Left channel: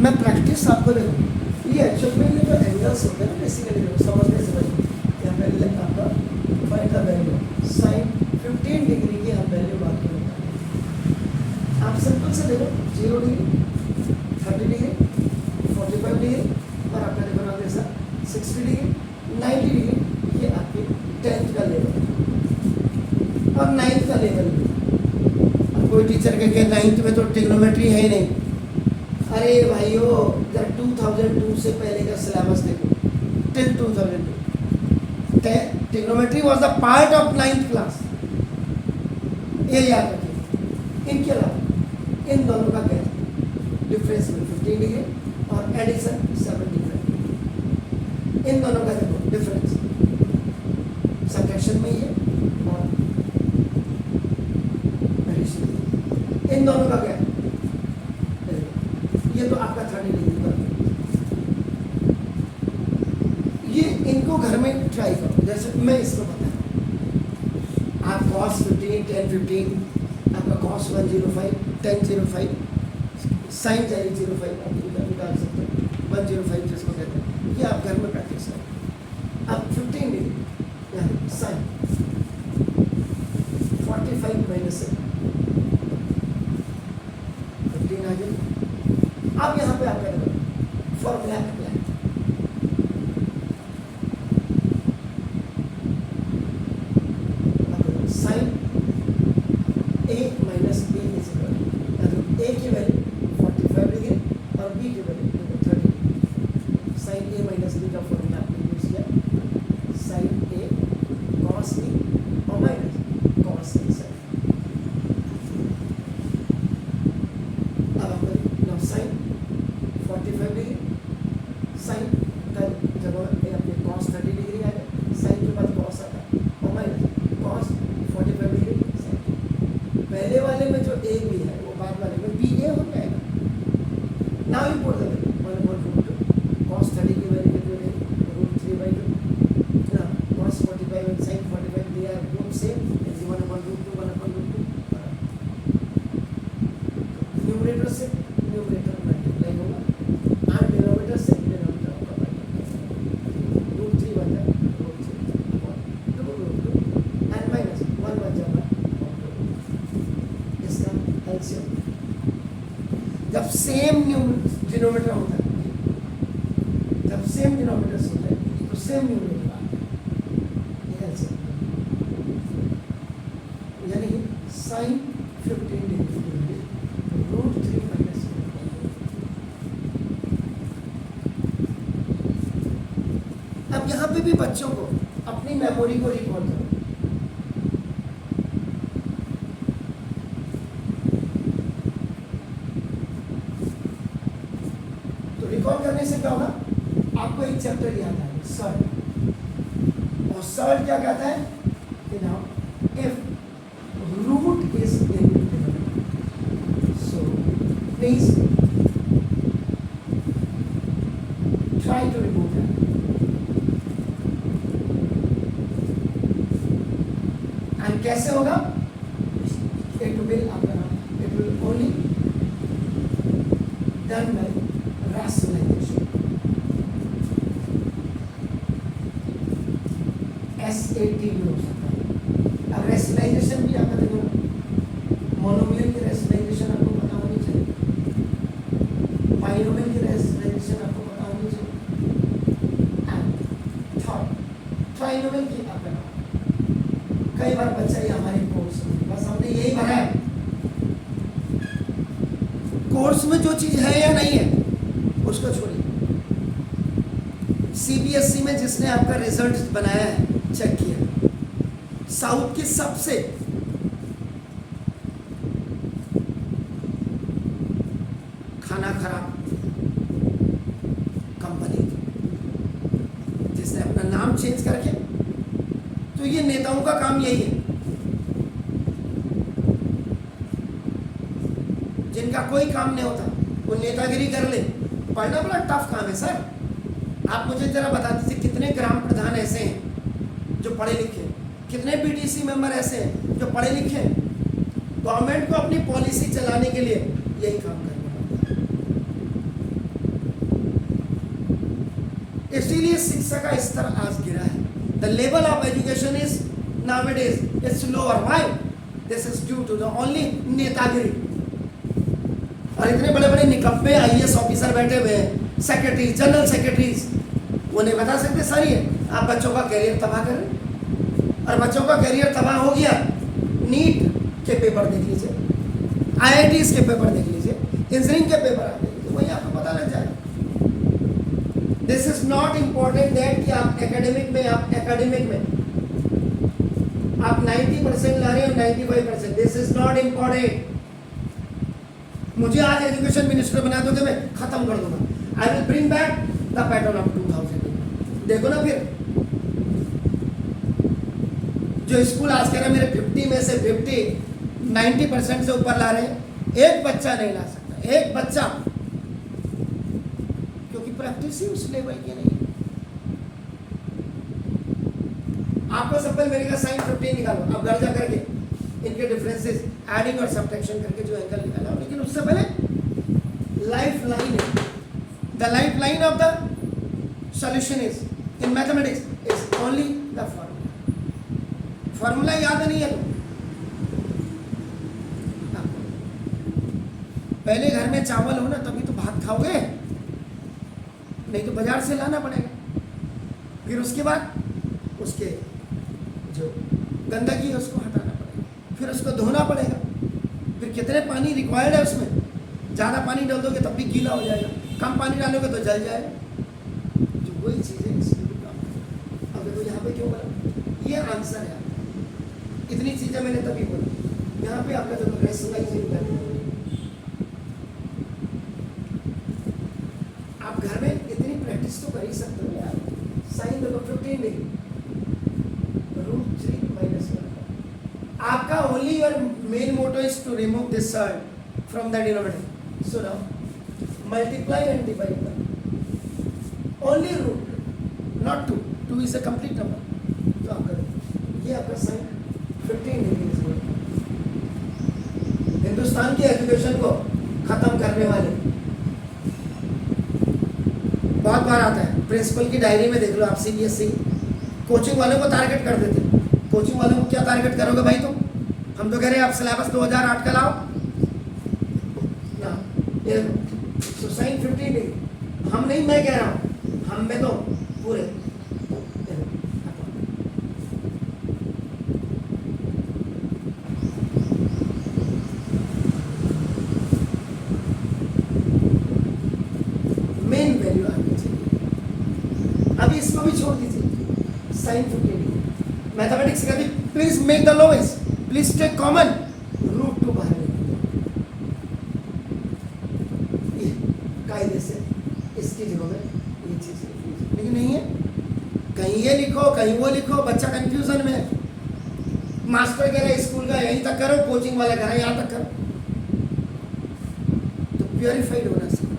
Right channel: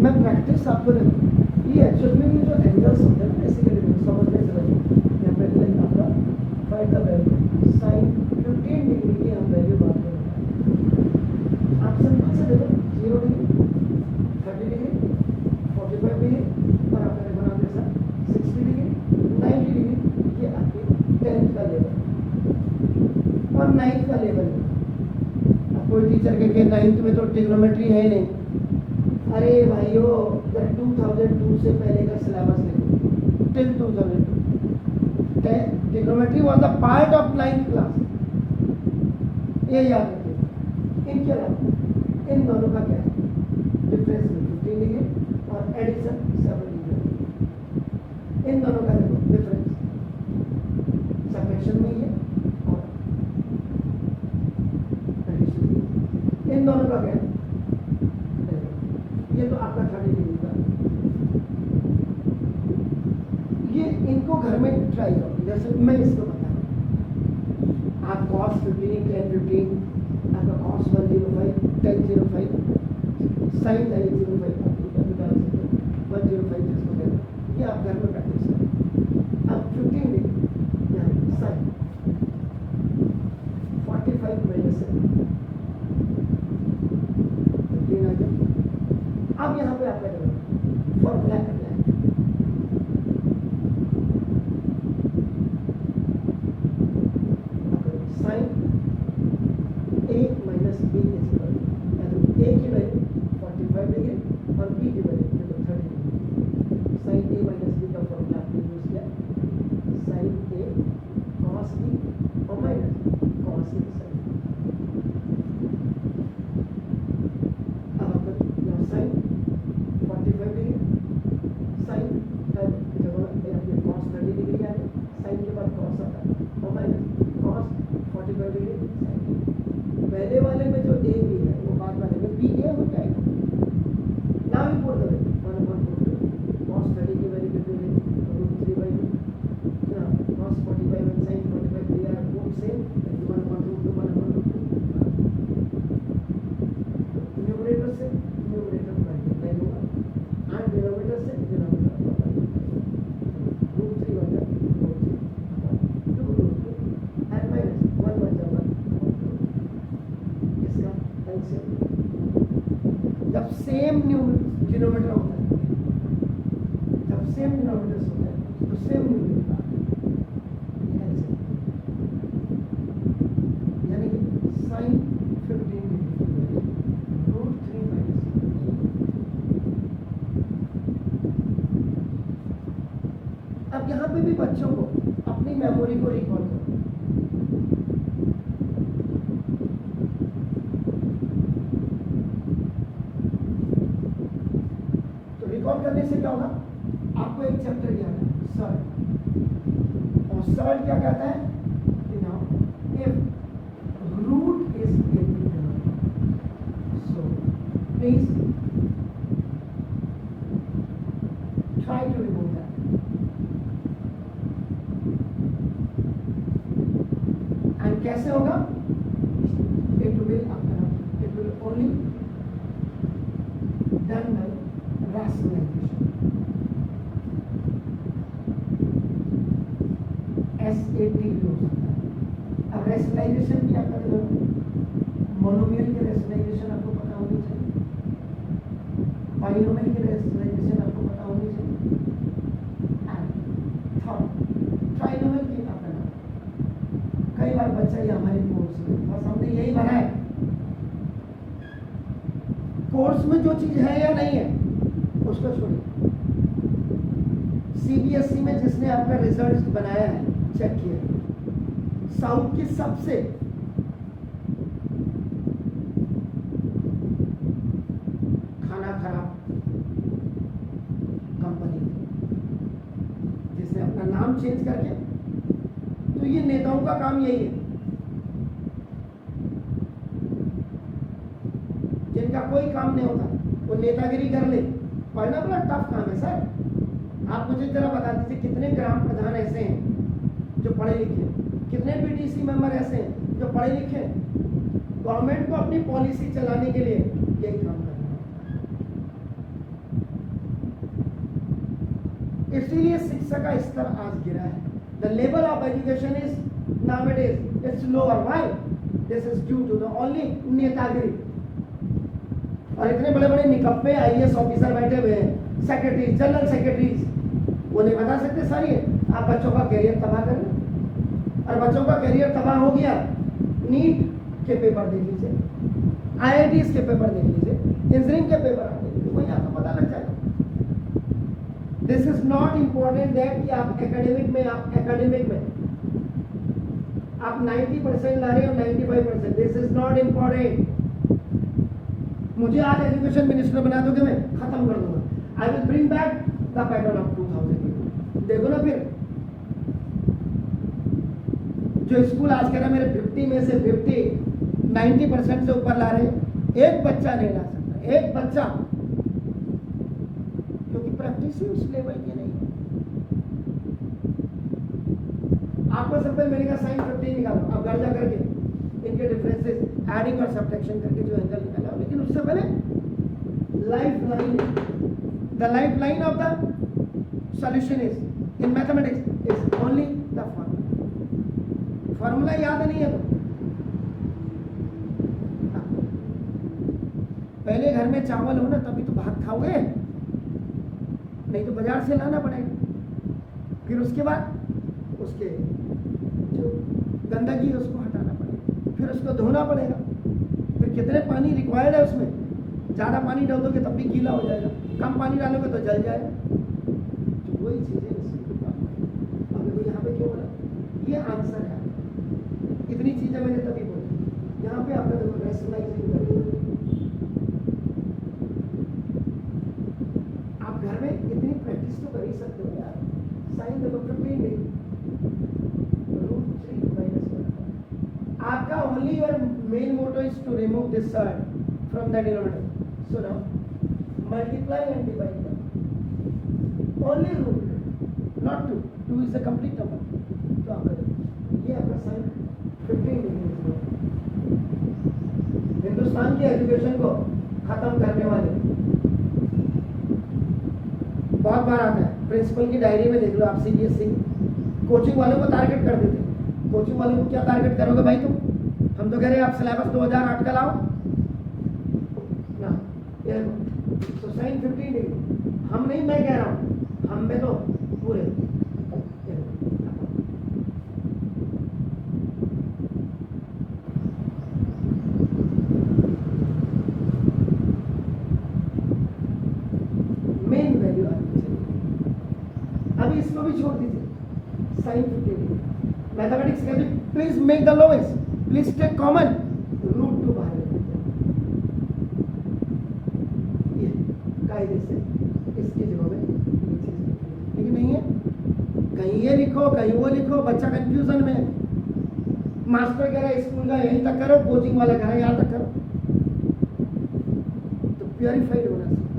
मैं प्रैक्टिस आपको दे रहा हूँ। ये एक्चुअल में ये जो एंगल्स होते हैं ना बेसिकली समझने से पहले यहाँ पे आपका find the value sine 15 degree की हम वैल्यू बात करें। आप सिंपल से देखो 0 डिग्री 30 डिग्री 45 डिग्री और आपका देखो ना जैसा 60 डिग्री 90 डिग्री, ये आपके 10th का लेवल और 9th का लेवल भी। कोई टीचर कहे 9th में तो ट्रिग्नोमेट्री है ही नहीं। अरे भाइयों जरा 2002 से पहले का सिलेबस देखो till 2002 trigonometry was the part of 9th class, ये याद रखिए। इनके अलावा इन दोनों का क्या है डिफरेंस में 15 डिग्री और एडिशन 7 डिग्री। इन दोनों का देखो डिफरेंस सबट्रैक्शन में ही है और एडिशन में। इन दोनों का क्या है, ये तो आपका 30 डिग्री का। ये इनको घर में ट्राई करो, जैसे मैं इसको बता रहा हूँ। आप cos 15 10 15 आपका cos 105 10 05 sin 05 निकाल सकते हो 105 जिसको कहते हैं, ये आप घर में प्रैक्टिस करें। अब 15 डिग्री यानी sin 45 माइनस 15 आ गया। अब यहाँ पे आप क्या करोगे formula apply, sine A minus B is equal to A की वैल्यू 45 डिग्री और बी की value 30 degree. Sine A minus B का फॉर्मूला आपने यूज किया, साइन ए कॉस बी और माइनस कॉस साइन। अब आप साइन 45 डिग्री साइन का जब आपके cos 30 डिग्री आ गया, साइन के बाद cos आता है और माइनस cos 45 डिग्री साइन। पहले वाले में जो ए बी है वो बाद वाले में बी ए हो जाएगा। Now you put the value 1/√2 cos 30 की वैल्यू कितनी रहेगी √3/2 ना cos 45 and sin 45 they are both same as 1/√2 1/√2। Numerator से न्यूमरेटर मल्टीप्लाई होगा और डिनोमिनेटर से डिनोमिनेटर का मल्टीप्लाई होगा। √3 बन जाए √3/2 एंड माइनस 1 बन जाएगा। इसका एलसीएम जब सेम डिनोमिनेटर होता है, जब सेम डिनोमिनेटर होता है तो सेम न्यूमरेटर आता है एलसीएम, यानी साइन 15 डिग्री √3 माइनस। अब यहाँ पे भी बच्चों को अपनी मेमोरी को रिकॉल करो। तो रिकॉल करने से क्या होगा, आपको एक चैप्टर याद है सर्ट, और सर्ट क्या कहता है कि now if root is so please try to remove that. And कैसे होगा, it will only done by rationalization, SAT भी हो सकता है। अब रैशनलाइजेशन भी आपका देखो, मोनोमियल की रैशनलाइजेशन आपको पता होनी चाहिए, बाइनोमियल की रैशनलाइजेशन आपको पता होनी चाहिए, एंड थर्ड ट्राइनोमियल की आपका नाम। कई बार बच्चा ये हमारे कोर्स में बस हमने यही भरा है, कोर्स में जो चीज है या नहीं है उसको छोड़िए। सीबीएसई में जिसने आपका रिजल्ट बनाया है चेक किया, साउथ की सबसे खाना खराब कंपनी जिसने अपना नाम चेंज करके, तो ये नेताओं का काम यही है, जिनका कोई काम नहीं होता वो नेतागिरी कर ले। पढ़ना बड़ा टफ काम है सर। आप मुझे जरा बता दीजिए कितने ग्राम प्रधान ऐसे हैं जो पढ़े लिखे, कितने बीडीसी मेंबर ऐसे हैं जो पढ़े लिखे। गवर्नमेंट को अपनी पॉलिसी चलाने के लिए यही काम करना है। इसीलिए शिक्षा का स्तर आज गिरा है. The level of education is nowadays it's lower. Why? This is due to the only नेतागिरी. और इतने बड़े बड़े निकम्मे आईएएस ऑफिसर बैठे हुए हैं, सेक्रेटरी, जनरल सेक्रेटरीज, वो नहीं बता सकते सारी है. आप बच्चों का कैरियर तबाह करें, और बच्चों का कैरियर तबाह हो गया. नीट के पेपर देख लीजिए, आईआईटीज के पेपर देख लीजिए, इंजीनियरिंग के पेपर आते हैं, तो वही आपको पता लग जाएगा. This is not important that कि आप एकेडमिक में आप 90% ला रहे हो, 95%. This is not important. मुझे आज एजुकेशन मिनिस्टर बना दोगे, मैं खत्म कर दूंगा. I will bring back the pattern of 2000. देखो ना फिर, जो स्कूल आज कह रहा है मेरे 50 में से 90% से ऊपर ला रहे हैं, एक बच्चा नहीं ला सकता, एक बच्चा, क्योंकि प्रैक्टिस ही उस लेवल की नहीं है. आपको सिंपल मेरे का साइन 15 निकालो, आप घर जा करके इनके डिफरेंसेस एडिंग और सब्ट्रैक्शन करके जो एंगल निकाला. लेकिन उससे पहले लाइफ लाइन है. The life line of the solution is in mathematics is only the formula. Formula याद नहीं है तो पहले घर में चावल हो ना तभी तो भात खाओगे, नहीं तो बाजार से लाना पड़ेगा. फिर उसके बाद उसके जो गंदगी है उसको हटाना पड़ेगा, फिर उसको धोना पड़ेगा, फिर कितने पानी रिक्वायर्ड है उसमें. ज़्यादा पानी डाल दोगे तब भी गीला हो जाएगा, कम पानी डालोगे तो जल जाएगा. तो वही चीज़ है इसमें. अब देखो यहाँ पे क्यों बोला, ये आंसर है. इतनी चीज़ें मैंने तभी बोली. यहाँ पे आपका देखो रेशनलाइजिंग वैल्यू, आप घर में इतनी प्रैक्टिस तो कर ही सकते हो यार. साइन देखो 15 डिग्री √3 - 1. आपका only your main motto is to remove this side from the denominator. So now multiply and divide by only √2, not 2. 2 is a complete number. तो आप करो, ये आपका साइन 15 डिग्री. हिंदुस्तान की एजुकेशन को खत्म करने वाले बहुत बार आता है. प्रिंसिपल की डायरी में देख लो आप, सीबीएसई कोचिंग वालों को टारगेट कर देते. कोचिंग वालों को क्या टारगेट करोगे भाई तुम? हम तो कह रहे हैं आप सिलेबस 2008 का लाओ ना. तो साइन 15 डिग्री हम नहीं, मैं कह रहा हूँ, हम में तो पूरे मेन वैल्यू आनी चाहिए. अभी इसको भी छोड़ दीजिए, साइन 15 डिग्री. मैथमेटिक्स का भी please make the lowest, please take common √2 बाहर कायदे से इसकी जगह में ये चीज, लेकिन नहीं है. कहीं ये लिखो, कहीं वो लिखो, बच्चा कंफ्यूजन में. मास्टर कह रहा है स्कूल का यहीं तक करो, कोचिंग वाला कह रहा है यहाँ तक करो. तो प्योरीफाइड होना चाहिए.